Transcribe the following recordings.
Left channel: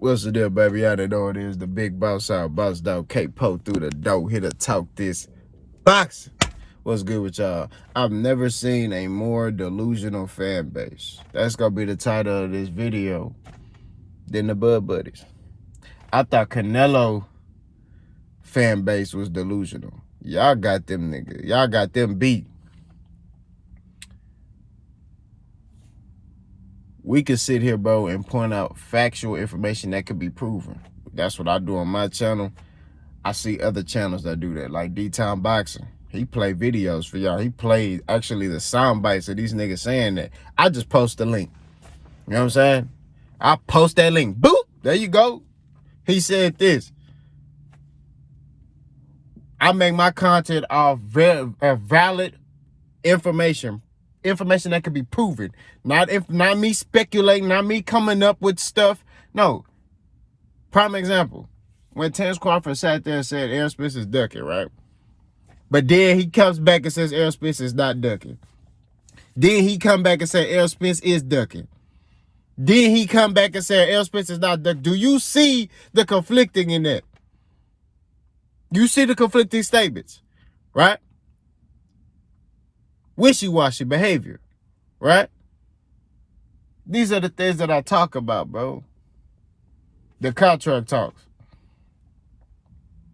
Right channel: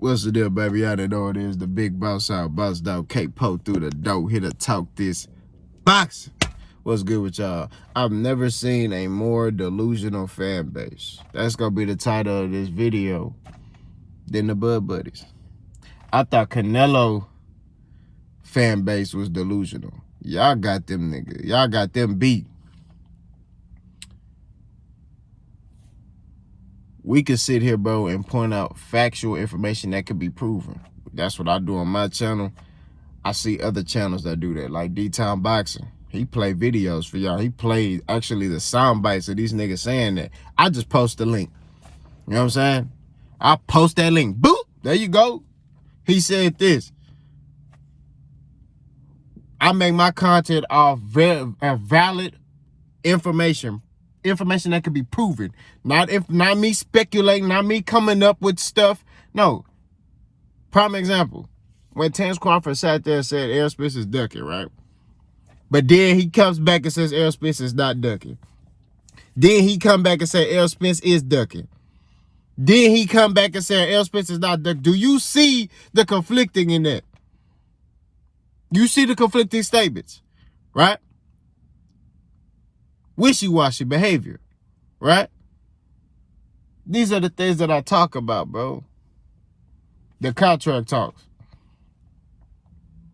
What's the deal, baby? Y'all know it is the big boss out, boss dog, K-Po through the door, here to talk this box. What's good with y'all? I've never seen a more delusional fan base. That's gonna be the title of this video than the Bud Buddies. I thought Canelo fan base was delusional. Y'all got them niggas. Y'all got them beat. We could sit here, bro, and point out factual information that could be proven. That's what I do on my channel. I see other channels that do that, like D-Town Boxing. He play videos for y'all. He played actually the sound bites of these niggas saying that. I just post the link. You know what I'm saying? I post that link. Boop! There you go. He said this. I make my content off valid information. Information that can be proven. Not me speculating, not me coming up with stuff. No. Prime example. When Terence Crawford sat there and said Errol Spence is ducking, right? But then he comes back and says Errol Spence is not ducking. Then he come back and say Errol Spence is ducking. Then he come back and say Errol Spence is not ducking. Do you see the conflicting in that? You see the conflicting statements, right? Wishy-washy behavior, right? These are the things that I talk about, bro. The contract talks,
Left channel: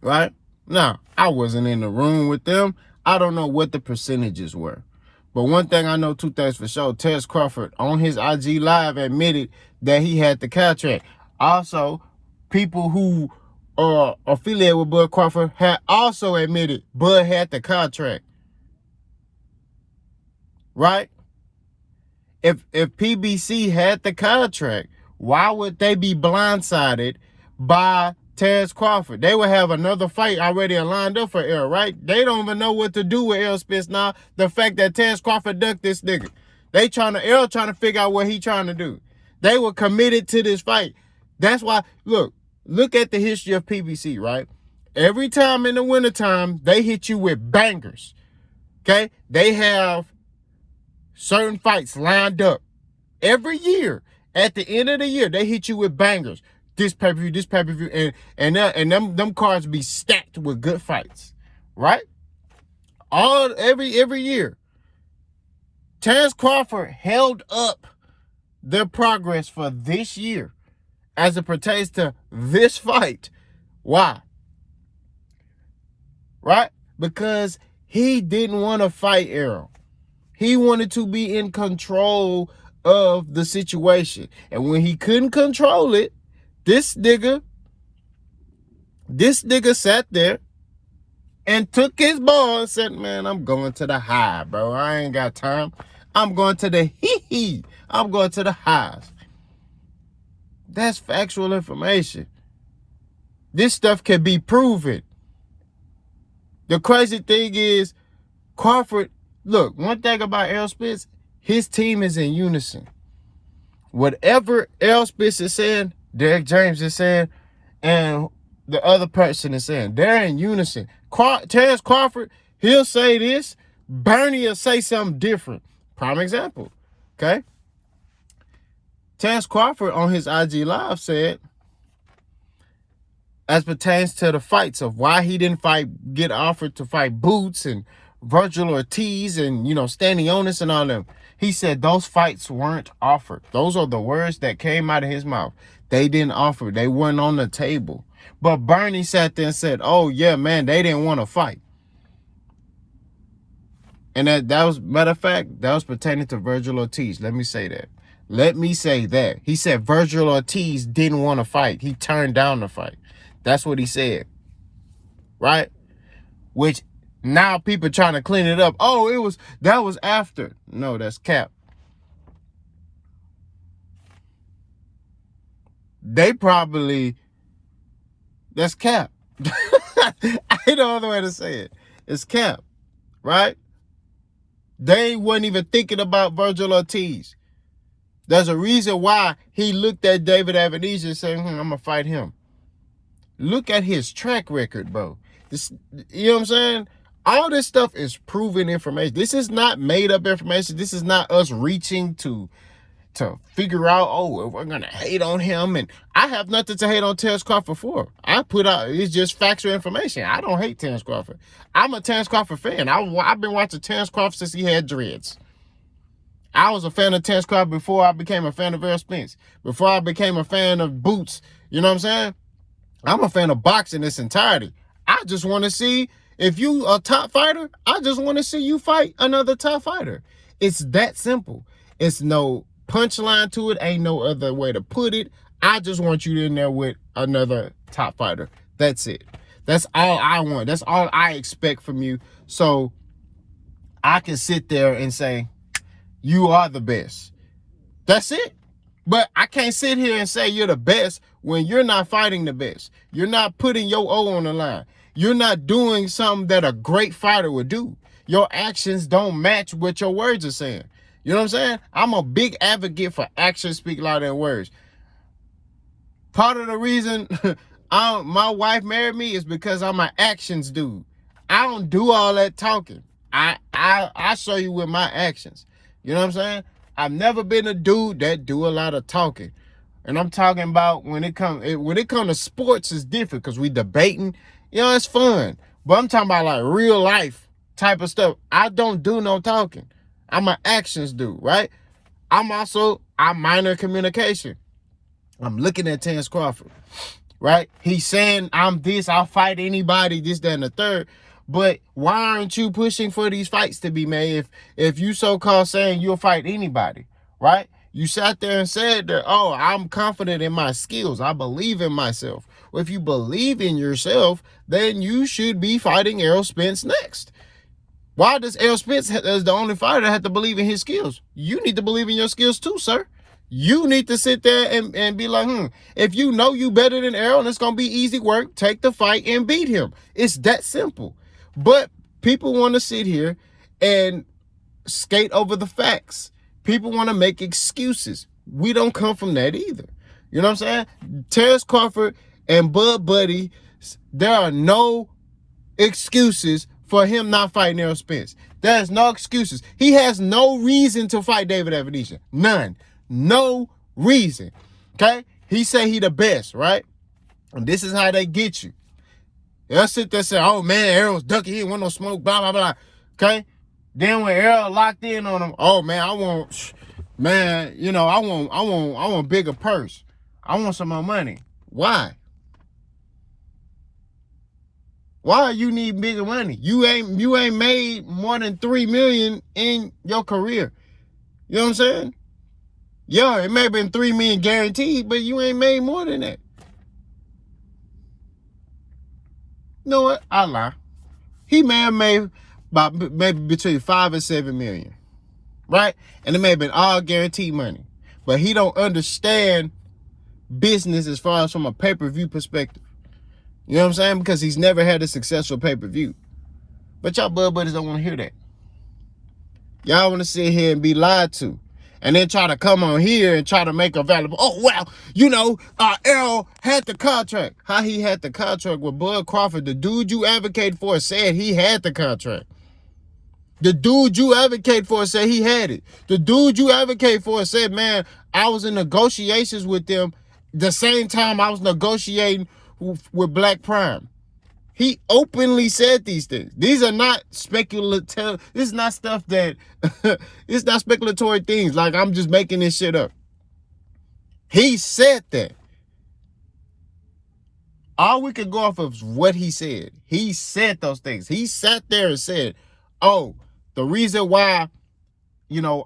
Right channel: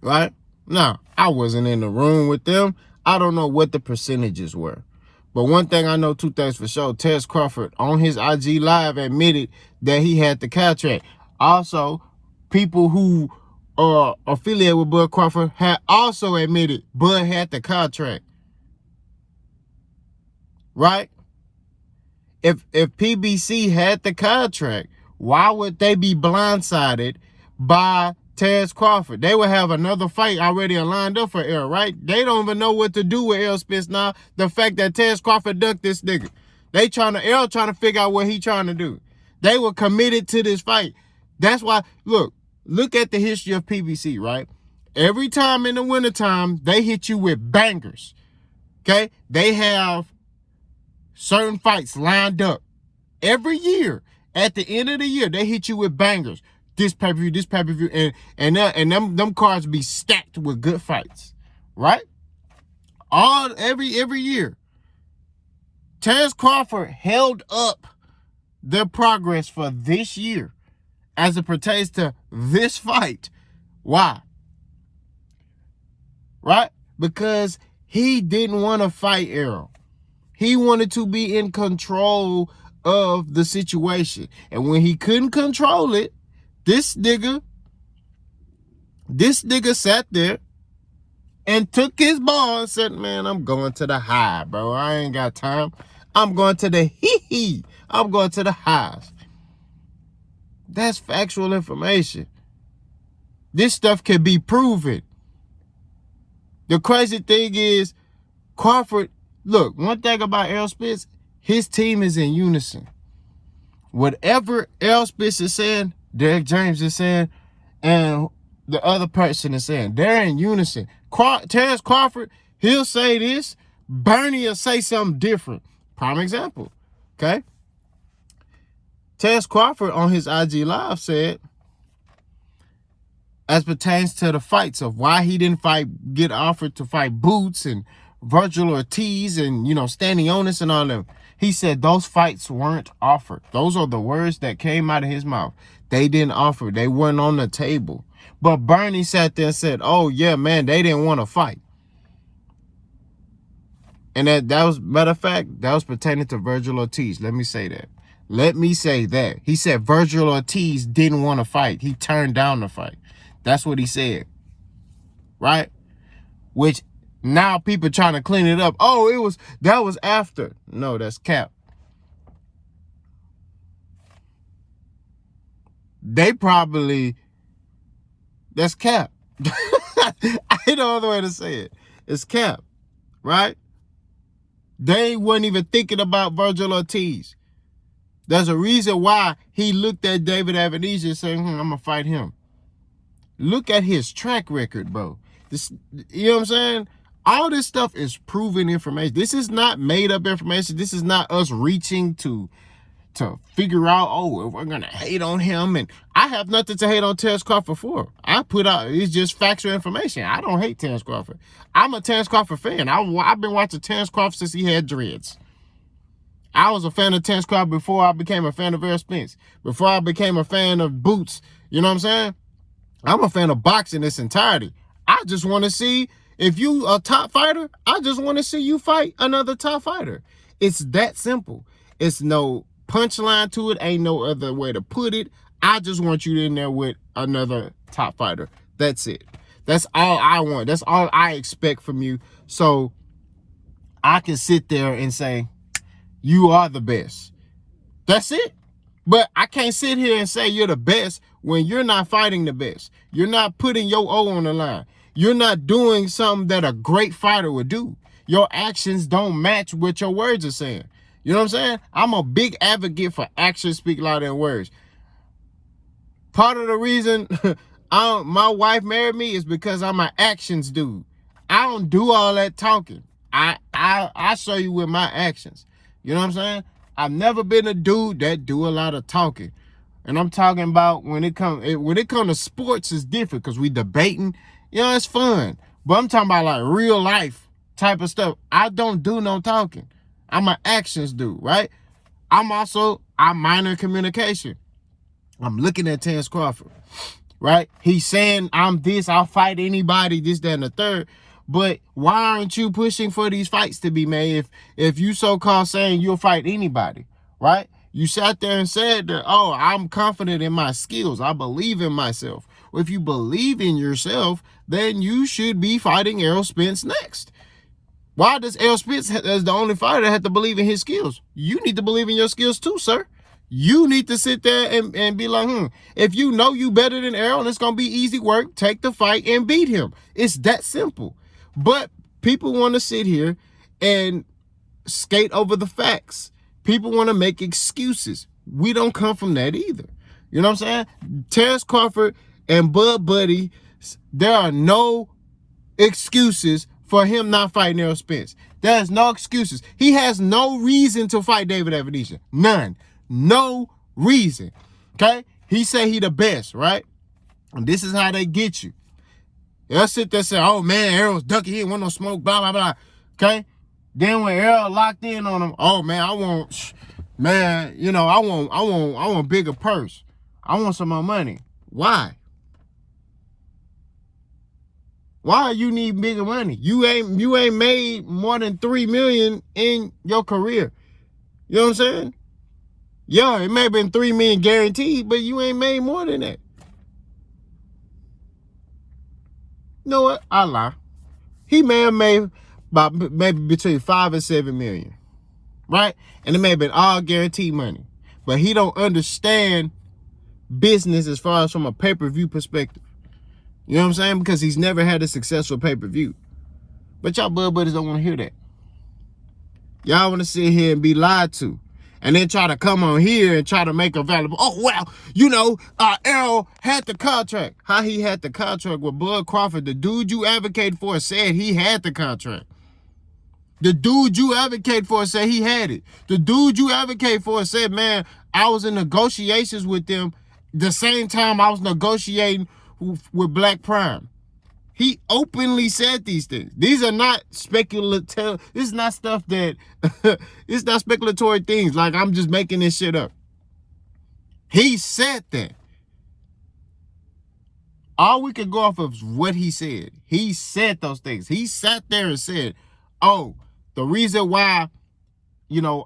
right? Now, I wasn't in the room with them. I don't know what the percentages were. But one thing I know, two things for sure, Terence Crawford on his IG Live admitted that he had the contract. Also, people who are affiliated with Bud Crawford had also admitted Bud had the contract. Right? If PBC had the contract, why would they be blindsided by Terence Crawford? They would have another fight already lined up for Errol, right? They don't even know what to do with Errol Spence now. The fact that Terence Crawford ducked this nigga. Errol trying to figure out what he trying to do. They were committed to this fight. That's why, look at the history of PBC, right? Every time in the wintertime, they hit you with bangers. Okay? They have certain fights lined up every year. At the end of the year, they hit you with bangers. This pay-per-view, this pay-per-view, and them cards be stacked with good fights, right? Every year. Terence Crawford held up their progress for this year as it pertains to this fight. Why? Right? Because he didn't want to fight Errol. He wanted to be in control of the situation. And when he couldn't control it, this nigga sat there and took his ball and said, man, I'm going to the high, bro. I ain't got time. I'm going to the hee-hee. I'm going to the highs. That's factual information. This stuff can be proven. The crazy thing is, Crawford, look, one thing about Errol Spence, his team is in unison. Whatever Errol Spence is saying, Derek James is saying, and the other person is saying, they're in unison. Terence Crawford, he'll say this, Bernie will say something different. Prime example, okay? Terence Crawford on his IG Live said, as pertains to the fights of why he didn't get offered to fight Boots and Virgil Ortiz and, Stanley Onis and all them. He said those fights weren't offered. Those are the words that came out of his mouth. They didn't offer. They weren't on the table. But Bernie sat there and said, oh, yeah, man, they didn't want to fight. And that was, matter of fact, that was pertaining to Virgil Ortiz. Let me say that. He said Virgil Ortiz didn't want to fight. He turned down the fight. That's what he said. Right? Which now people trying to clean it up. Oh, that was after. No, that's cap. That's cap. I ain't no other way to say it. It's cap. Right? They weren't even thinking about Virgil Ortiz. There's a reason why he looked at David Avenesian saying, I'm going to fight him. Look at his track record, bro. You know what I'm saying? All this stuff is proven information. This is not made up information. This is not us reaching to figure out, we're going to hate on him. And I have nothing to hate on Terence Crawford for. I put out, it's just factual information. I don't hate Terence Crawford. I'm a Terence Crawford fan. I've been watching Terence Crawford since he had dreads. I was a fan of Terence Crawford before I became a fan of Errol Spence. Before I became a fan of Boots. You know what I'm saying? I'm a fan of boxing in its entirety. I just want to see, if you a top fighter, I just want to see you fight another top fighter. It's that simple. It's no punchline to it. Ain't no other way to put it. I just want you in there with another top fighter. That's it. That's all I want. That's all I expect from you. So I can sit there and say, you are the best. That's it. But I can't sit here and say you're the best when you're not fighting the best. You're not putting your O on the line. You're not doing something that a great fighter would do. Your actions don't match what your words are saying. You know what I'm saying? I'm a big advocate for actions speak louder than words. Part of the reason my wife married me is because I'm an actions dude. I don't do all that talking. I show you with my actions. You know what I'm saying? I've never been a dude that do a lot of talking. And I'm talking about when it comes to sports, it's different because we debating. You know, it's fun. But I'm talking about like real life type of stuff. I don't do no talking. I'm an actions dude, right? I'm minor in communication. I'm looking at Terence Crawford, right? He's saying, I'm this, I'll fight anybody, this, that, and the third. But why aren't you pushing for these fights to be made if you so-called saying you'll fight anybody, right? You sat there and said that, oh, I'm confident in my skills. I believe in myself. Well, if you believe in yourself, then you should be fighting Errol Spence next. Why does Errol Spence, as the only fighter, have to believe in his skills? You need to believe in your skills too, sir. You need to sit there and be like, if you know you better than Errol and it's going to be easy work, take the fight and beat him. It's that simple. But people want to sit here and skate over the facts. People want to make excuses. We don't come from that either. You know what I'm saying? Terence Crawford and Bud Buddy, there are no excuses for him not fighting Errol Spence. There's no excuses. He has no reason to fight David Evanesian. None. No reason. Okay? He say he the best, right? And this is how they get you. They'll sit there and say, oh man, Errol's ducking, he didn't want no smoke, blah, blah, blah. Okay? Then when Errol locked in on him, oh man, I want bigger purse. I want some more money. Why? Why you need bigger money? You ain't made more than $3 million in your career. You know what I'm saying? Yeah, it may have been $3 million guaranteed, but you ain't made more than that. You know what? I lie. He may have made about maybe between 5 and 7 million, right? And it may have been all guaranteed money, but he don't understand business as far as from a pay-per-view perspective. You know what I'm saying? Because he's never had a successful pay-per-view. But y'all Bud Buddies don't want to hear that. Y'all want to sit here and be lied to. And then try to come on here and try to make available, oh, well, Errol had the contract. How he had the contract with Bud Crawford? The dude you advocate for said he had the contract. The dude you advocate for said he had it. The dude you advocate for said, man, I was in negotiations with them the same time I was negotiating with Black Prime. He openly said these things. These are not speculative. This is not stuff that, it's not speculatory things. Like I'm just making this shit up. He said that. All we could go off of is what he said. He said those things. He sat there and said, oh, the reason why, the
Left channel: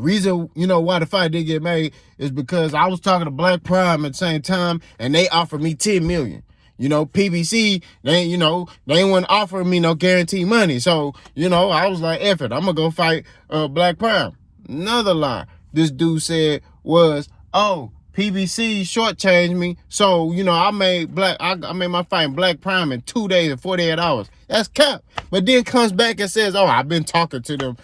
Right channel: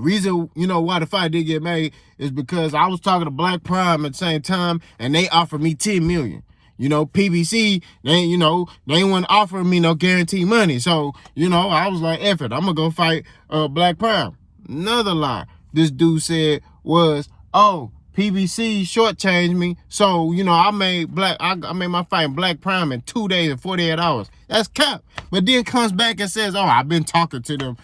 reason, why the fight didn't get made is because I was talking to Black Prime at the same time and they offered me $10 million. PBC, they weren't offering me no guaranteed money. So, I was like, F it, I'm going to go fight Black Prime. Another lie this dude said was, oh, PBC shortchanged me. So, I made my fight in Black Prime in 2 days and 48 hours. That's cap. But then comes back and says, oh, I've been talking to them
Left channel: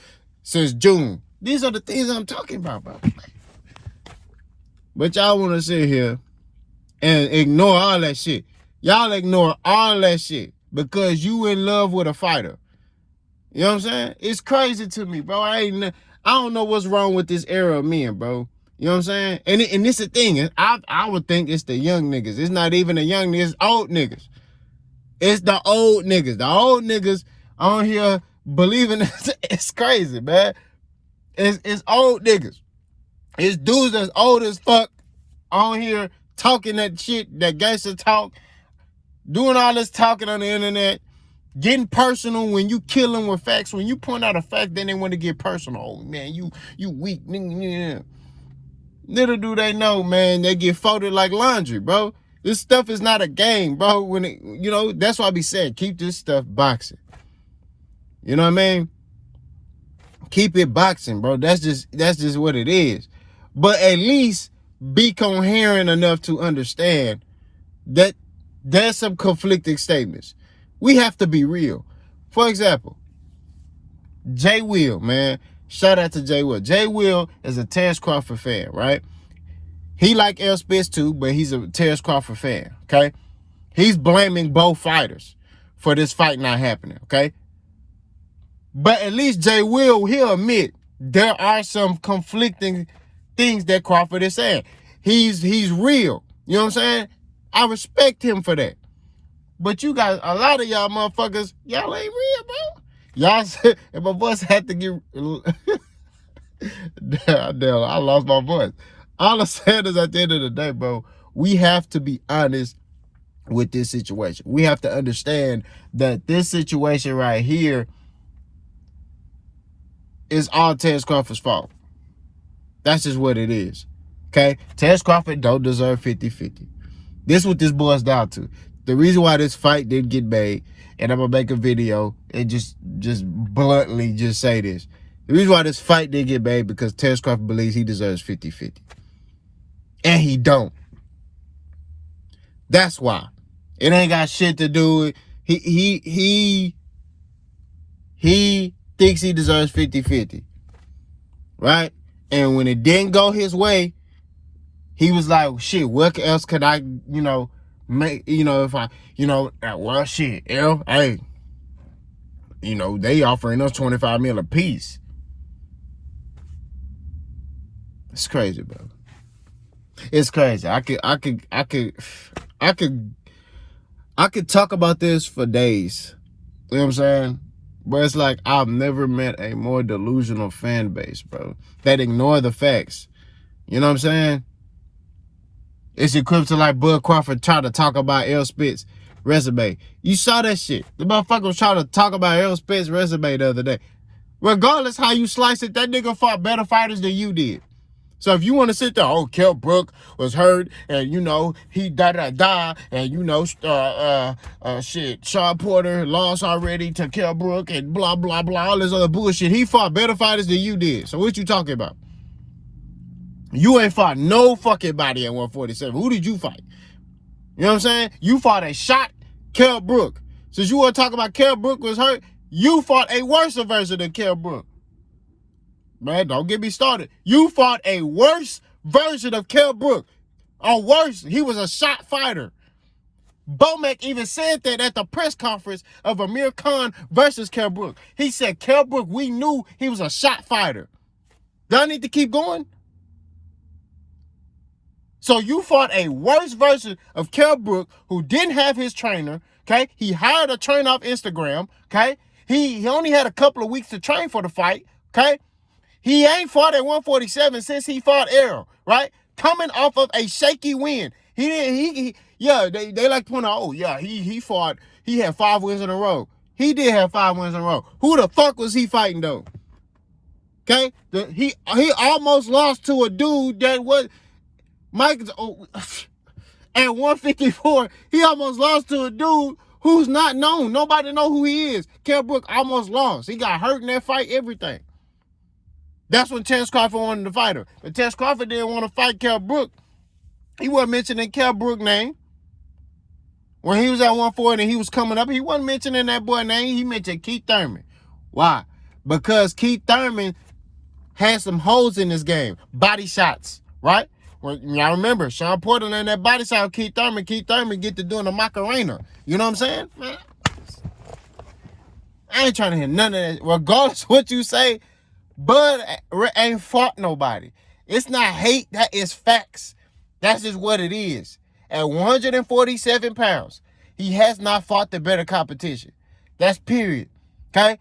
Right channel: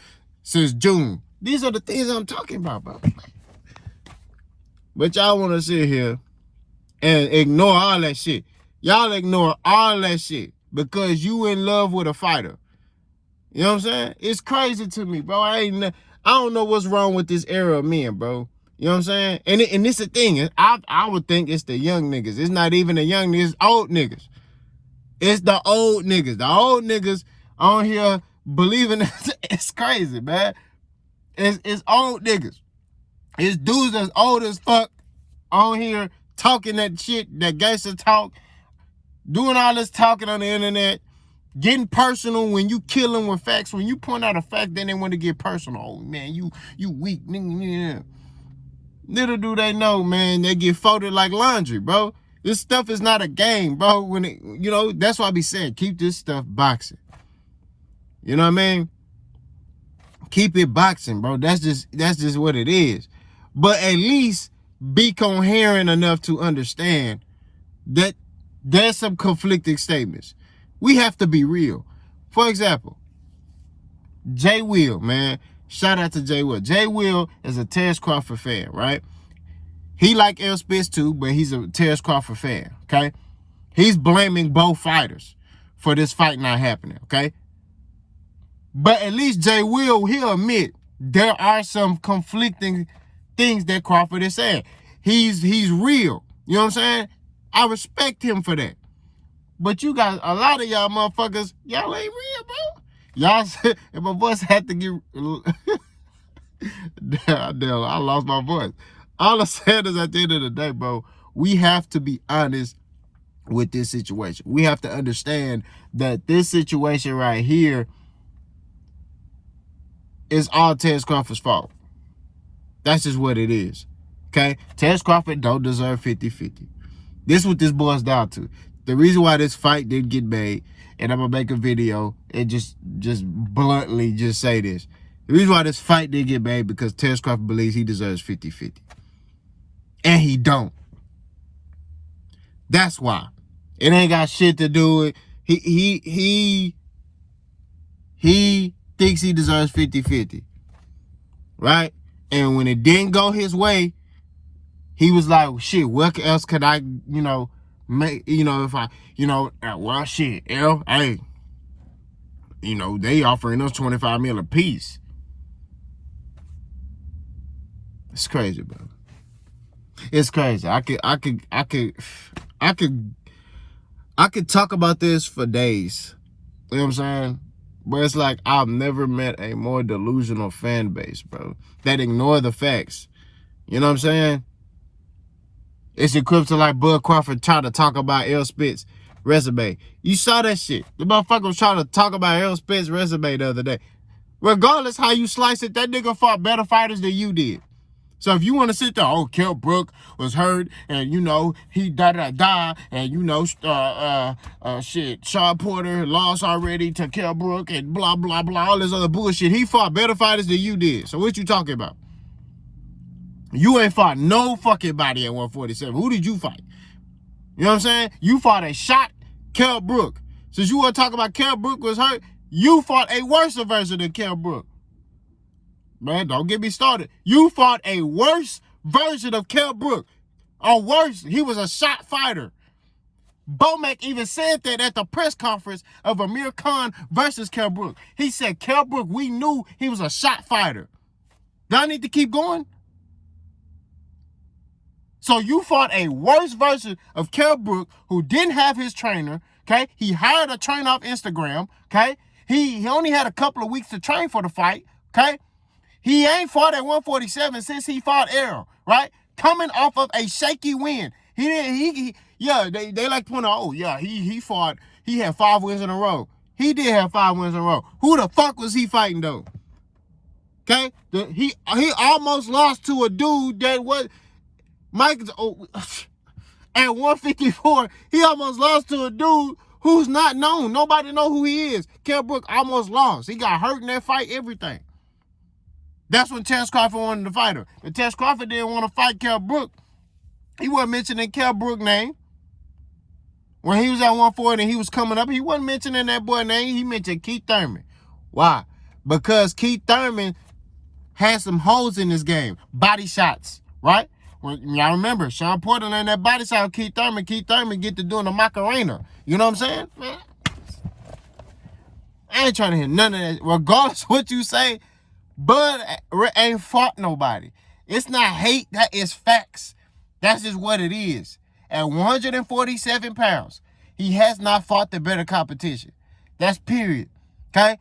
since June. These are the things I'm talking about, bro. But y'all want to sit here and ignore all that shit. Y'all ignore all that shit because you in love with a fighter. You know what I'm saying? It's crazy to me, bro. I don't know what's wrong with this era of men, bro. You know what I'm saying? And this the thing. I would think it's the young niggas. It's not even the young niggas. It's old niggas. It's the old niggas. The old niggas on here believing it's crazy, man. It's old niggas. It's dudes that's old as fuck on here talking that shit, that gangster talk, doing all this talking on the internet, getting personal when you kill them with facts. When you point out a fact, then they want to get personal. Oh, man, you weak. Little do they know, man, they get folded like laundry, bro. This stuff is not a game, bro. When it, that's why I be saying, keep this stuff boxing. You know what I mean? Keep it boxing, bro. That's just what it is. But at least be coherent enough to understand that there's some conflicting statements. We have to be real. For example, Jay Will, man. Shout out to Jay Will. Jay Will is a Terrence Crawford fan, right? He like L Spitz too, but he's a Terrence Crawford fan, okay? He's blaming both fighters for this fight not happening, okay? But at least Jay Will, he'll admit there are some conflicting things that Crawford is saying. He's real. You know what I'm saying? I respect him for that. But you guys, a lot of y'all motherfuckers, y'all ain't real, bro. Y'all said, and my voice had to get... Damn, I lost my voice. All I'm saying is at the end of the day, bro, we have to be honest with this situation. We have to understand that this situation right here is all Terrence Crawford's fault. That's just what it is. Okay? Terrence Crawford don't deserve 50-50. This is what this boils down to. The reason why this fight didn't get made, and I'm going to make a video and just bluntly just say this. The reason why this fight didn't get made because Terrence Crawford believes he deserves 50-50. And he don't. That's why. It ain't got shit to do with... He thinks he deserves 50-50. Right? And when it didn't go his way, he was like, shit, what else could I, make, if I, well, shit, hey, they offering us $25 million a piece. It's crazy, bro. It's crazy. I could talk about this for days. You know what I'm saying? But it's like I've never met a more delusional fan base, bro, that ignore the facts. You know what I'm saying? It's equipped to like Bud Crawford try to talk about L Spitz resume. You saw that shit. The motherfucker was trying to talk about L Spitz resume the other day. Regardless how you slice it, that nigga fought better fighters than you did. So if you want to sit there, oh, Kell Brook was hurt, and, he da-da-da, and, shit, Shawn Porter lost already to Kell Brook, and blah, blah, blah, all this other bullshit. He fought better fighters than you did. So what you talking about? You ain't fought no fucking body at 147. Who did you fight? You know what I'm saying? You fought a shot Kell Brook. Since you want to talk about Kell Brook was hurt, you fought a worse version than Kell Brook. Man, don't get me started. You fought a worse version of Kell Brook. Or worse, he was a shot fighter. Bomac even said that at the press conference of Amir Khan versus Kell Brook. He said, Kell Brook, we knew he was a shot fighter. Do I need to keep going? So you fought a worse version of Kell Brook who didn't have his trainer, okay? He hired a trainer off Instagram, okay? He only had a couple of weeks to train for the fight, okay? He ain't fought at 147 since he fought Errol, right? Coming off of a shaky win. They like to point out, oh, yeah, he fought, he had 5 wins in a row. He did have 5 wins in a row. Who the fuck was he fighting, though? Okay? He almost lost to a dude that was, at 154, he almost lost to a dude who's not known. Nobody know who he is. Kell Brook almost lost. He got hurt in that fight, everything. That's when Terrence Crawford wanted to fight him. But Terrence Crawford didn't want to fight Kell Brook. He wasn't mentioning Kell Brook's name. When he was at 140 and he was coming up, he wasn't mentioning that boy's name. He mentioned Keith Thurman. Why? Because Keith Thurman had some holes in his game. Body shots, right? Well, y'all remember, Shawn Porter and that body shot with Keith Thurman get to doing the Macarena. You know what I'm saying? I ain't trying to hear none of that. Regardless of what you say, Bud ain't fought nobody. It's not hate, that is facts. That's just what it is. At 147 pounds, he has not fought the better competition. That's period. Okay?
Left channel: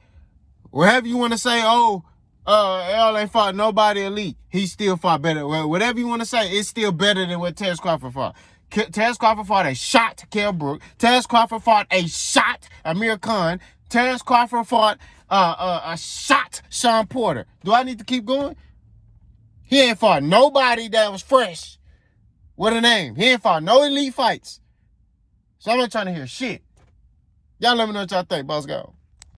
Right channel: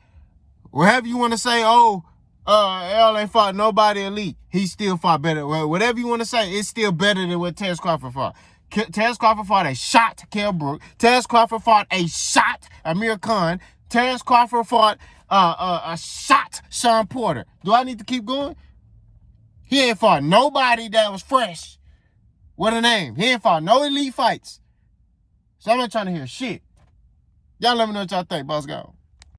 Whatever you want to say, L ain't fought nobody elite. He still fought better. Whatever you want to say, it's still better than what Terence Crawford fought. Terence Crawford fought a shot Kell Brook. Terence Crawford fought a shot Amir Khan. Terence Crawford fought a shot Sean Porter. Do I need to keep going? He ain't fought nobody that was fresh with a name. He ain't fought no elite fights. So I'm not trying to hear shit. Y'all let me know what y'all think. Boss go.